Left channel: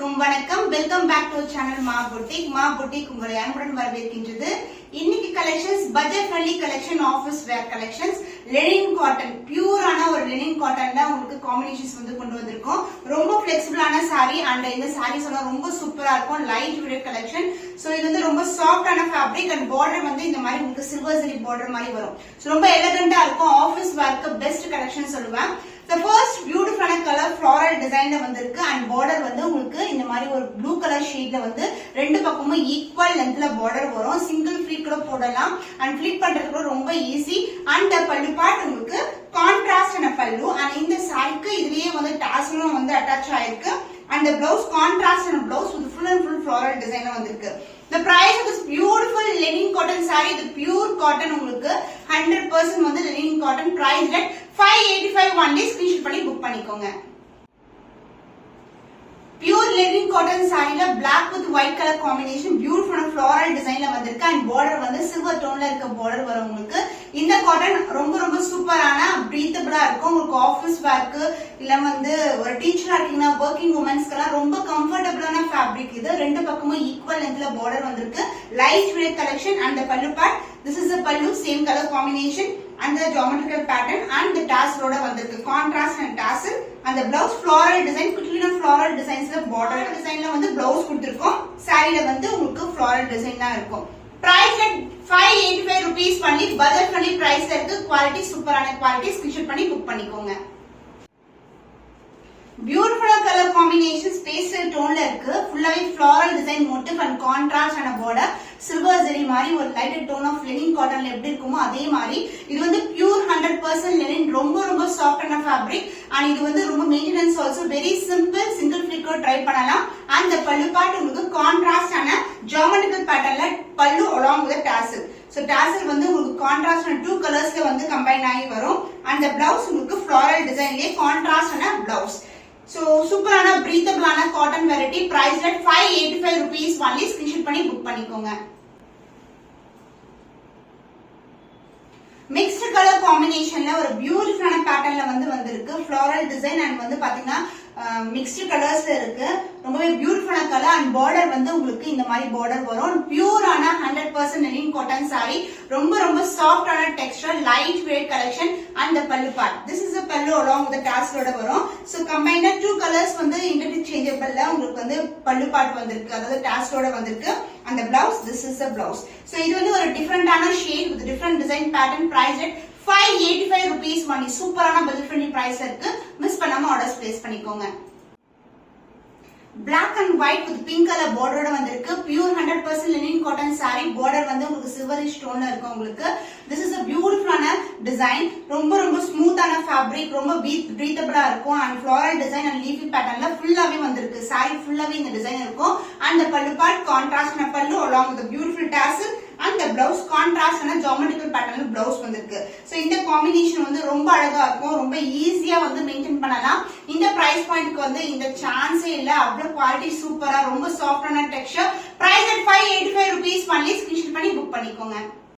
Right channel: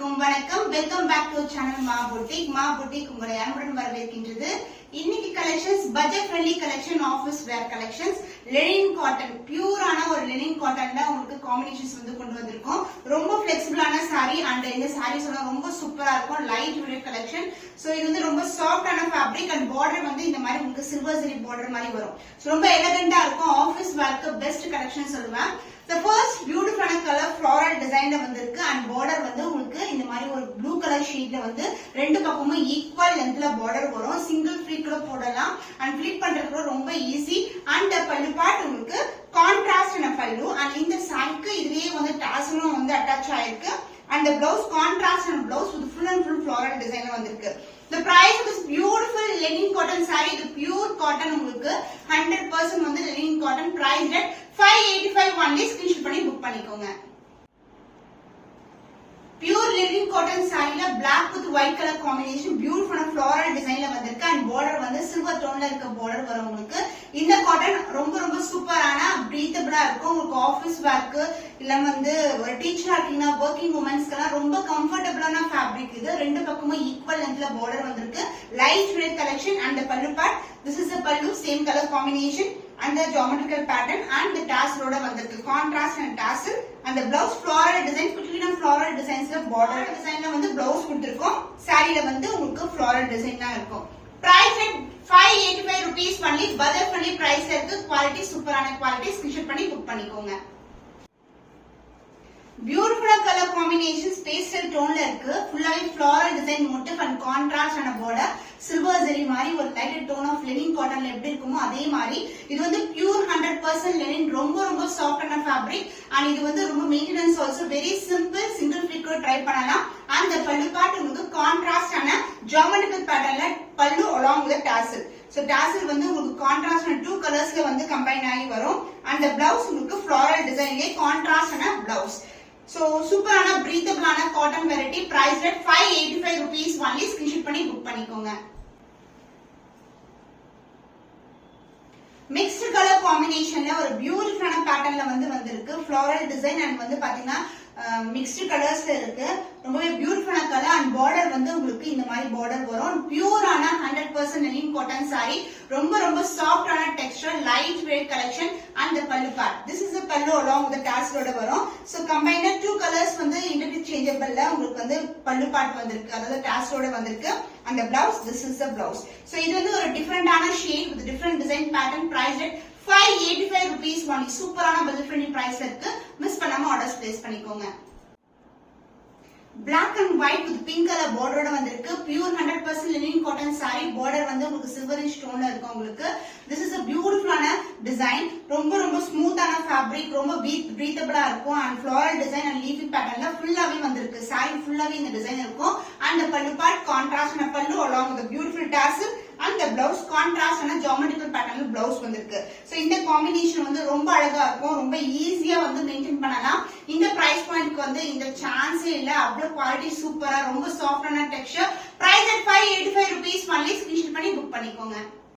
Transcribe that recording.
அனைவருக்கும் வணக்கம். Welcome back to channel Maa boutique உங்களை அன்புடன் வரவேற்கின்றது. இன்னைக்கு collections budget friendly collection, office wear collections, linen cotton, பியூரான ஒரு லெனின் காட்டன் தான் உங்களுக்கு காம்பினேஷன்ஸ் வந்து கொண்டு வந்திருக்கோம். ரொம்ப பிளெக்சிபிளான சாரி அண்ட் இந்த சாரீஸ் எல்லாம் ரொம்ப சூப்பரா இருக்கும். Light weight collection. சோ இது வந்து ரொம்ப சாஃப்டான ஃபேப்ரிக் அண்ட் பார்டர் வந்து இந்த மாதிரி உங்களுக்கு சில்வர் ஜரி பார்டர் மாதிரி வரும். ரொம்ப எலிகண்டா இருக்கும். ஆஃபீஸ் வேர்க்கு பெஸ்ட் கலெக்ஷன் சொல்லுவேன். The first beautiful color floral design வந்திருக்கு and border வந்து உங்களுக்கு இந்த மாதிரி ஒரு blue color shade வந்து ரெண்டு பக்கமும் equal lengthல border வரும். single flip கூட போடலாம் and flip பண்றது கூட ரொம்ப ஈஸி. and பல்லு பார்ட் உங்களுக்கு contrast ஆன பல்லு and இந்த சாரிக்கு இதுலயே வந்து டாசலும் வந்து அட்டாச் ஆயிருக்கு. and the blouse contrast and blouse with full and full floral design வந்திருக்கு. The price of this beautiful linen cotton saree, the pure cotton உங்களுக்கு 100% வந்து linen cotton price at 585 only. Screenshot பண்ணி புக் பண்ணிக்கோங்க. Pure linen cotton சாரில black with white color combination beautiful floral designல வந்திருக்கு and border வந்து silver toneல இருக்க border வரும் உங்களுக்கு. இந்த காட்டன் ரொம்ப ரொம்ப சூப்பரான பிரீத்தபிளா இருக்கும். உங்களுக்கு ஆபீஸ் வேர்க்கு இல்ல வந்து ஒரு டீச்சரா இருக்கீங்கன்னா வர்க்கிங் உமன்ஸ்க்குலாம் ரொம்ப கம்ஃபர்டபிளான ஃபேப்ரிக் இது. ரெண்டு பக்கமும் ஈக்குவல் லென்த்ல border வந்திருக்கு. Light weight collection and the pallu part. This is a pallu, same color combination and the geometrical pattern and the tassel ஓட வந்திருக்கு. Contrast and tassel and the blouse floral design, குட்டின floral designsல border designல வந்து blouse கொடுத்திருக்கோம். சாரில வந்து உங்களுக்கு floral design தான் இருக்கும். Price at 585 rupees பண்ணி budget friendly priceல இருக்கு. குவாலிட்டி சூப்பரான குவாலிட்டி. ஸ்கிரீன்ஷாட் பண்ணி புக் பண்ணிக்கோங்க. பியூட்டிஃபுல் கலர் காம்பினேஷன் பேஸ்டல் டோன்ல இருக்கு. ஃபுல்லாவே floral design motive and contrast ஆன பார்டர் சில்வர் ஜரி மாதிரி ஒரு லைட் டோன் ஆஃப் லெனின் காட்டன்ல எப்படி இருக்குமோ அதே மாதிரி இது வந்து பியூர் 100% லெனின். ரொம்ப ரொம்ப சாஃப்டான ஃபேப்ரிக் அண்ட் இது வந்து ரொம்ப maintenance also very simple. Single ஃபிளிக்கோ ட்ரை பண்ணலாம். அந்த பல்லு பார்ட் உங்களுக்கு கான்ட்ராஸ்ட் ஆன ஜியோமெட்ரிக்கல் பேட்டர்ன்ல பல்லு along with tassel. So tassel வந்து உங்களுக்கு கான்ட்ராஸ்ட் ஆன 2 கலர்ஸ்ல வந்து கம்பைன் ஆகி வரும். அந்த பிளவுஸ் உங்களுக்கு ஃப்ளாரல் டிசைன்லயே கான்ட்ராஸ்ட் ஆன பிளவுஸ். So சூப்பரான பிரீத்தபிளான cotton variety. Price at 585 rupees only. Screenshot பண்ணி புக் பண்ணிக்கோங்க. மிக்ஸ்ட் கலர் காம்பினேஷன்ல ஒரு பியூட்டிஃபுல்லான பேட்டர்ன்ல வந்து வந்திருக்கு. ஃப்ளாரல் டிசைன் அண்ட் வந்து பாத்தீங்கன்னா மிக்ஸ்ட் கலர்ஸ்ல இருக்கு. ரொம்பவே பியூட்டிஃபுல்லான கலர் அண்ட் பார்டர் வந்து உங்களுக்கு இந்த மாதிரி பார்டர் வரும். பியூரான 100% லெனின் காட்டன் சாரி. ரொம்ப ரொம்ப சாஃப்டான Dexter, light weight collection and the pallu part. This is the pallu along with the tassel ஓட வரும். So combined 2 colors வந்து interchangeable உங்களுக்கு வந்து pallu part வந்திருக்கு. அதாவது tassel ஓட வந்திருக்கு. And the blouse, this is the blouse. So இது வந்து ஒரு டிஃபரண்டான shade with different design pattern. Price at 585 rupees only. சூப்பரான budget friendly price இருக்கு. மிஸ் பண்ணாம ஆர்டர்ஸ் பிளேஸ் பண்ணிக்கோங்க. Black and white with pink color border வந்திருக்கு. Pure 100% linen cotton saree. Border வந்து உங்களுக்கு silverish tone இருக்கும் உங்களுக்கு. This is a beautiful design. ரொம்ப ரொம்ப ஸ்மூத்தான fabric, ரொம்ப breathable இருக்கும் and floral design and leafy patternல ஃபுல்லாவே வந்திருக்கு. saree ஃபுல்லாவே இந்த டிசைன் இருக்கும். and the pallu part contrast ஆன pallu along with the beautiful tassel and the blouse contrast ஆன geometrical patternல blouse வந்திருக்கு. So இந்த காம்பினேஷன் வந்து ரொம்ப அழகா இருக்கும். ரொம்ப ஈஸியா வந்து மெயின்டைன் பண்ணலாம். இந்த பிரைஸ் பாயிண்ட்க்கு வந்து இந்த சான்ஸே இல்ல. அவ்வளவு குவாலிட்டி சூப்பரா, ரொம்ப சாஃப்டான texture. Price at 585 rupees only. Screenshot பண்ணி புக் பண்ணிக்கோங்க.